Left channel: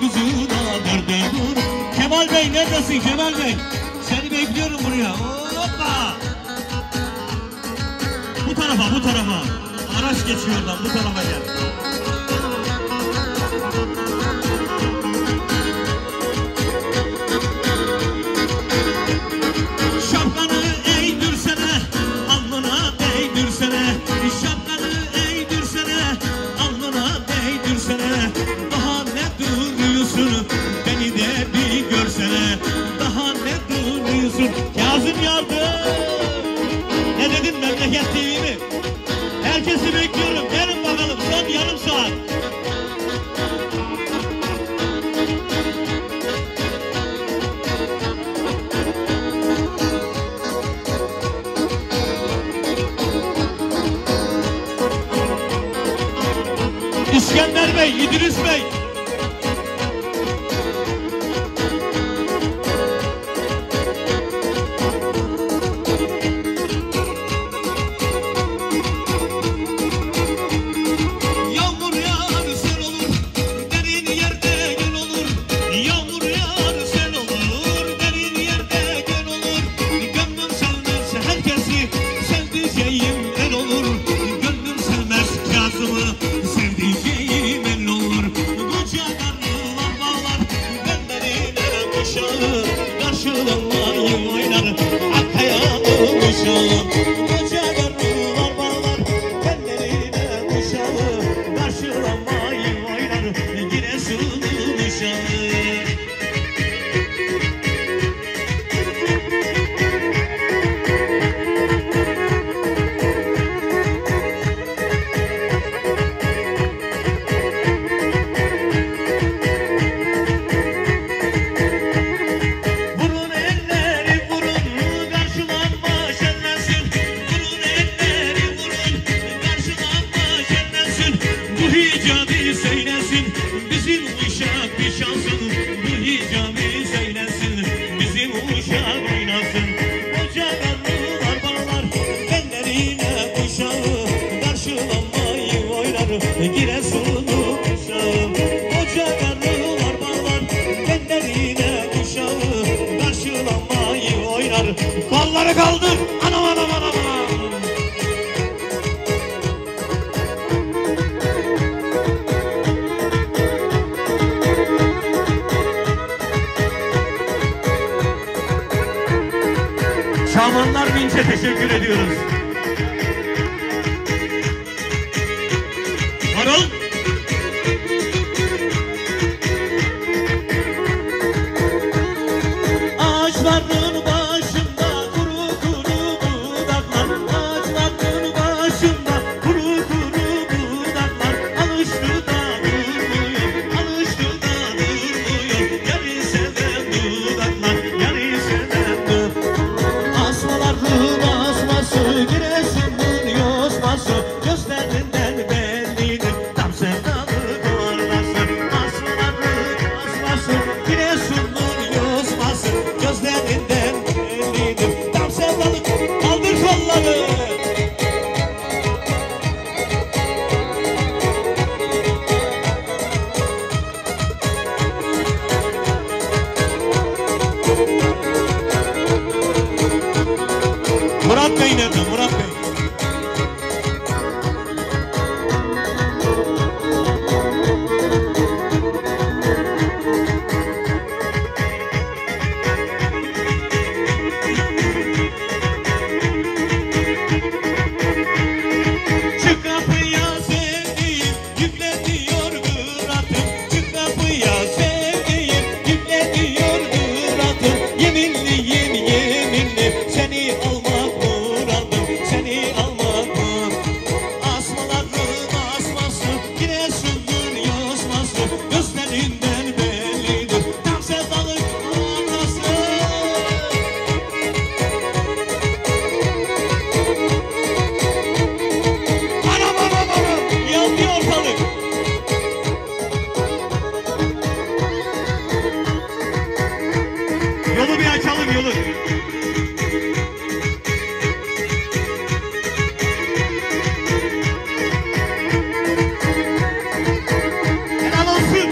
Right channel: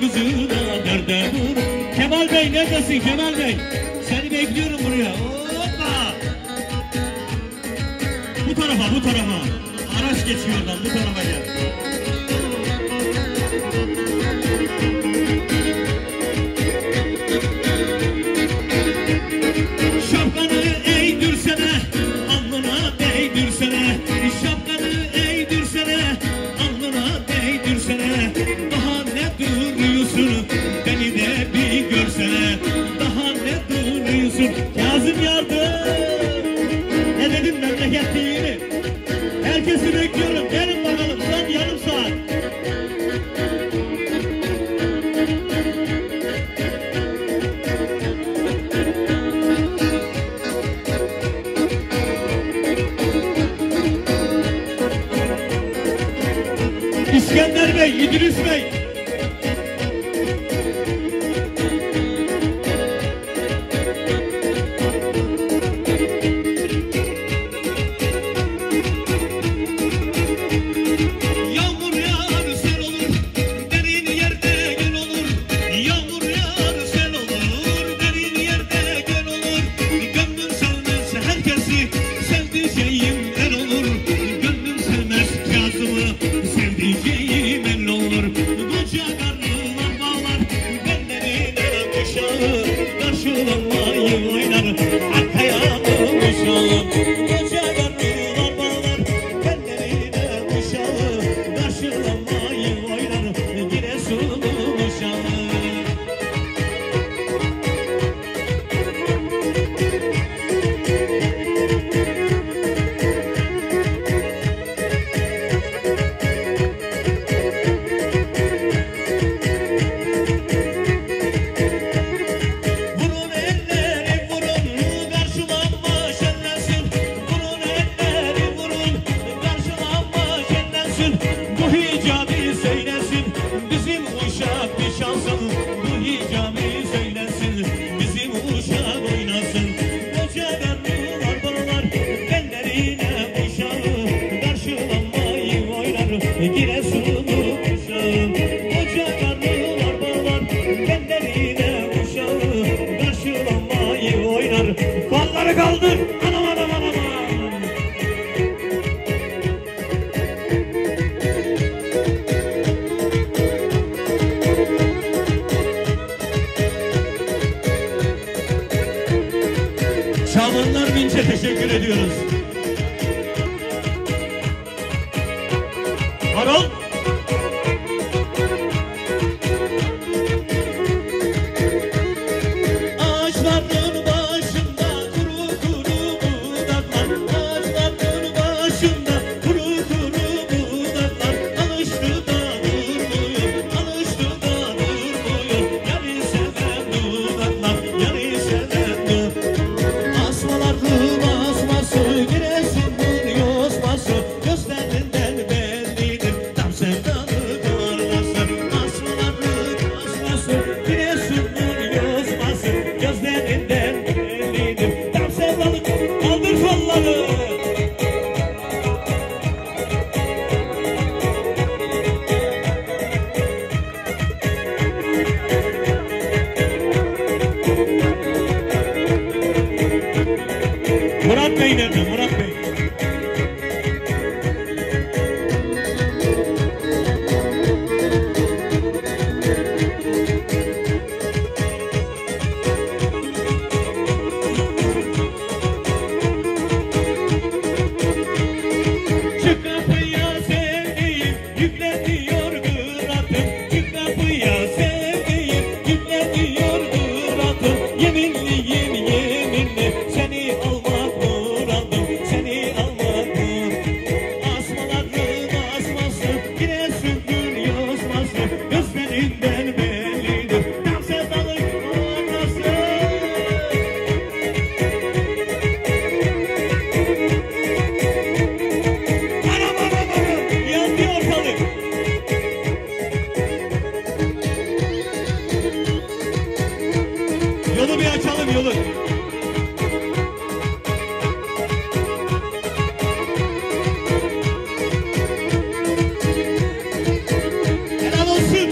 kızına derde vur. Kemal Bey neredesin Kemal Bey? Seni bekliyorum buraya. Hoppa! Bu tarafa, bu tarafa. Araç geçiyor lan, bu tarafa gel. Şapkanı eğdirsene, alnına değdirsene. Şapkanı eğdirsene, alnına değdirsene. Daha ne duruyorsun, beni de bir görsene. Daha ne duruyorsun, Kazım yardım. Ne dedim memleket değil mi? Herkesi bekliyorum, gelin bakalım son yarım saat. İskender Bey, İdris Bey. Yağmur yağar sel olur, derin yerde gel olur. Yağmur yağar sel olur, derin yerde gel olur. Gönlüm sevmez herkesi, sevdiceğim el olur. Gönlüm sevmez Kazım'ı, sevdiceğim el olur. Koca karnılar bağlar, benlerine koşar. Karşılamayı oynar, arkaya konuşalım. Koca karnılar bağlar, benlerine koşar. Karşılamayı oynar, Giresun'un uşağı. Vurun elleri vurun, karşılanma şenlensin. Vurun elleri vurun, karşılanma şenlensin. Bu hicabi söylesin, bizim uşak bir şansın. Bu hicabi söylesin, bizim uşak oynasın. Koca karnılar bağlar, ellerine uşağı. Karşılanmayı oynar, Giresun'un uşağı. Koca karnılar bağlar, ellerine uşağı. Karşılanmayı oynar. Kolları kaldır, anam anam anam anam. Şamanlar Vinç'e teşekkür ediyoruz. Harol. Ağaçların başında kuru kuru budaklar. Ağaçların başında kuru kuru budaklar. Alıştı da durmuyor, alıştı da durmuyor. Yarı seven dudaklar, yarı seven dudaklar. Asmaların asması, Giresun'un yosması. Gözlerinden bellidir, tam sevdalı kornası. Asmaların asması, Giresun'un yosması. Gözlerinden bellidir, tam sevdalı. Kaldır kolları. Murat Bey nerede? Murat Bey. Çık kapıya sevdiğim, yükleniyor kıratım. Çık kapıya sevdiğim, yükleniyor kıratım. Yeminliyim yeminli, seni almak muradım, seni almak muradım. Asmaların asması, Giresun'un yosması. Gözlerinden bellidir, tam sevdalı kornası. Anam anam anam, yandı ortalık. Yolu bir açalım, yolu. Helal olsun.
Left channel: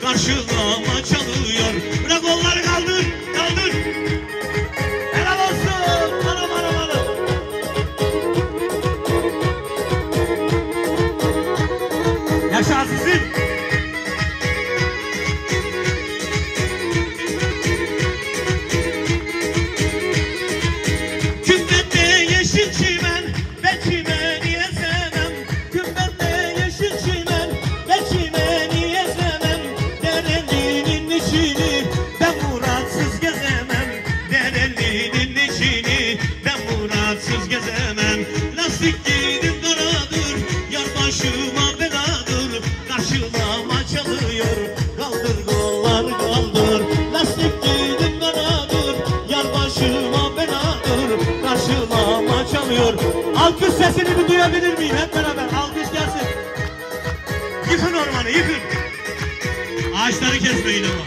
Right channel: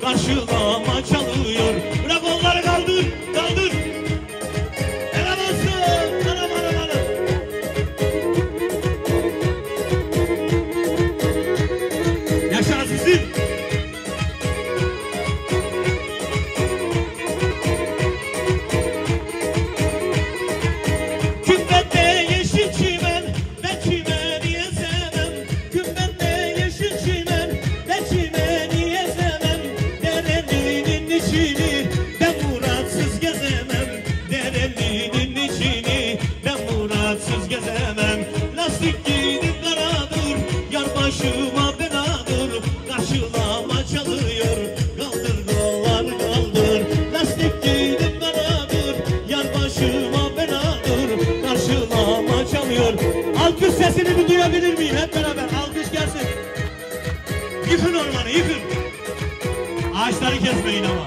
karşılama çalıyor. Bırak onları kaldır, kaldır. Helal olsun, anam anam anam. Yaşa sizin. Kümbette yeşil çimen, ben çimeni ezemem. Kümbette yeşil çimen, ben çimeni ezemem. Derelinin içini ben muratsız gezemem. Derelinin içini ben muratsız gezemem. Lastik giydim karadır, yar başıma beladır. Karşılama çalıyor, kaldır kollar kaldır. Lastik giydim karadır, yar başıma beladır. Karşılama çalıyor. Alkış sesini bir duyabilir miyim? Hep beraber alkış gelsin. Yıkın ormanı, yıkın. Ağaçları kesmeyin ama.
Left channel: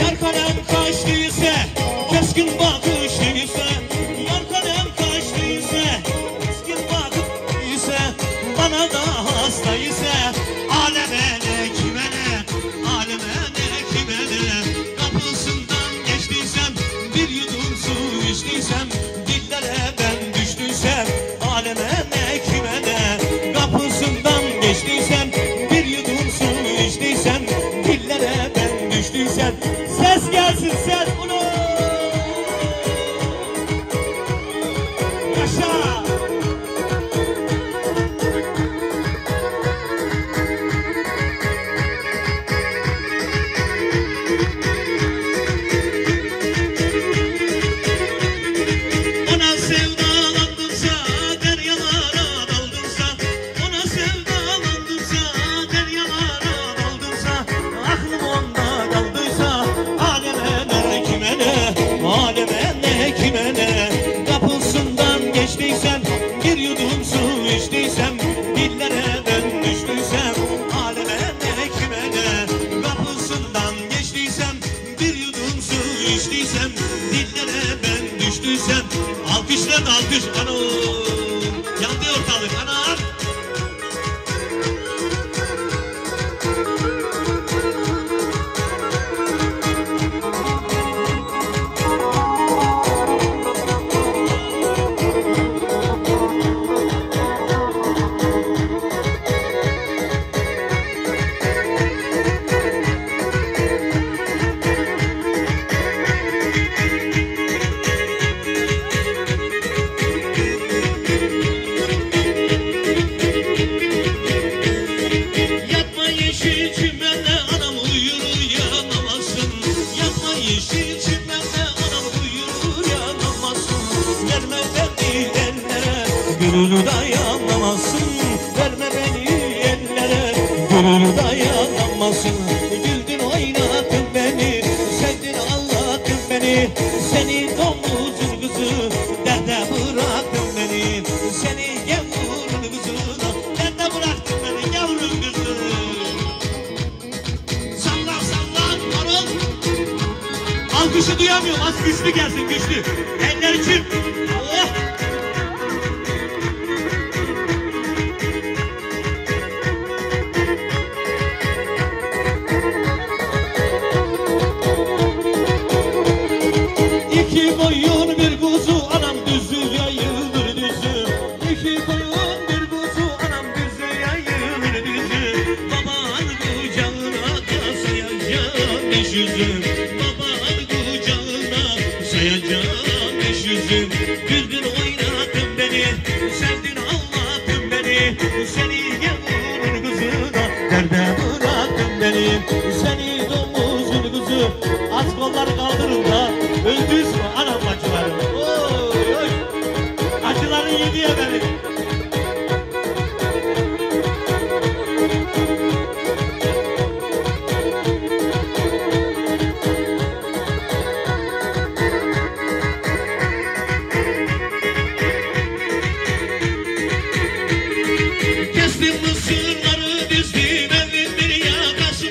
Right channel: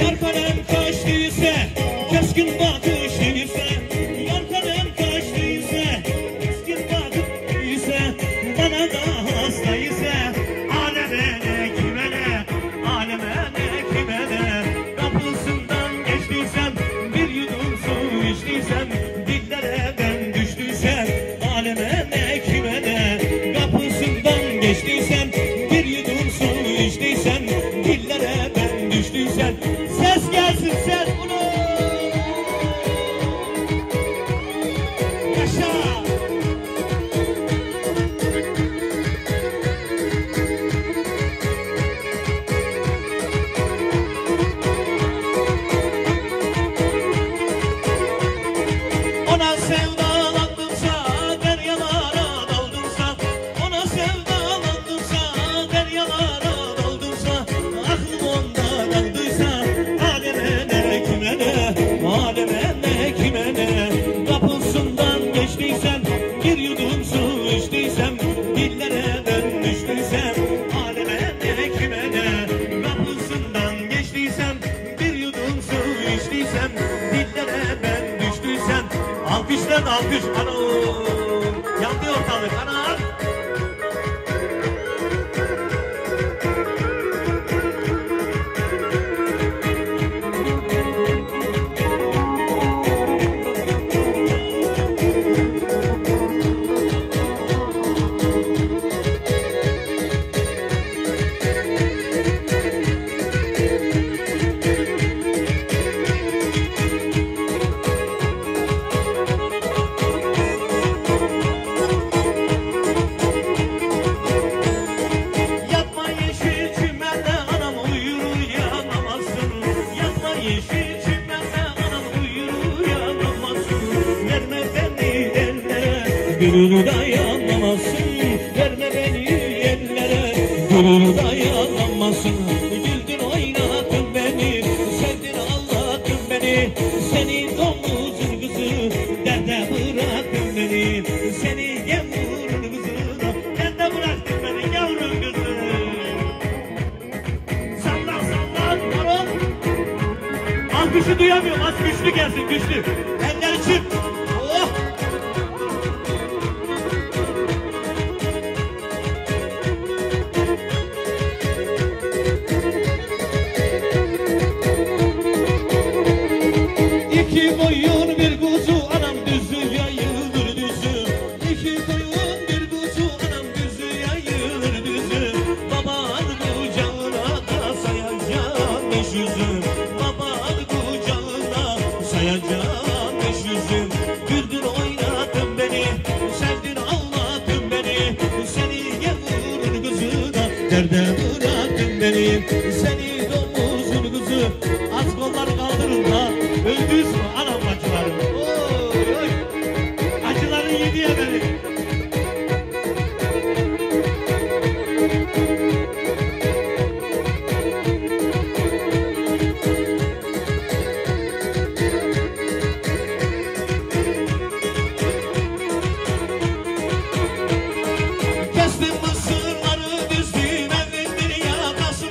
Yar kalem kaçtıysa, keskin bakışlıysa. Yar kalem kaçtıysa, keskin bakışlıysa. Bana da hastaysa, aleme ne kime ne, aleme ne kime ne. Kapısından geçtiysem, bir yudum su içtiysem, dillere ben düştüysem, aleme ne kime ne. Kapısından geçtiysem, bir yudum su içtiysem, dillere ben düştüysem. Ses gelsin, ses bunu. Yaşa. Ona sevdalandırsa, deryalara daldırsa. Ona sevdalandırsa, deryalara daldırsa. Aklım onda kaldıysa, aleme ne kime ne, aleme ne kime ne. Kapısından geçtiysem, bir yudum su içtiysem, dillere ben düştüysem, aleme ne kime ne. Kapısından geçtiysem, bir yudum su içtiysem, dillere ben düştüysem. Alkışlar alkış, anam. Yandı ortalık, anam. Yatma yeşil çimenle anam uyur uyanamazsın. Yatma yeşil çimenle anam uyur uyanamazsın. Verme beni ellere, gönül dayanamazsın. Verme beni ellere, gönül dayanamazsın. Güldün oynadın beni, sevdin ağladın beni. Seni domuzun kızı, derde bıraktın beni. Seni yavrum kızına, derde bıraktın beni yavrum kızı. Salla salla marul. Alkışı duyamıyorum, az güçlü gelsin güçlü. Eller için.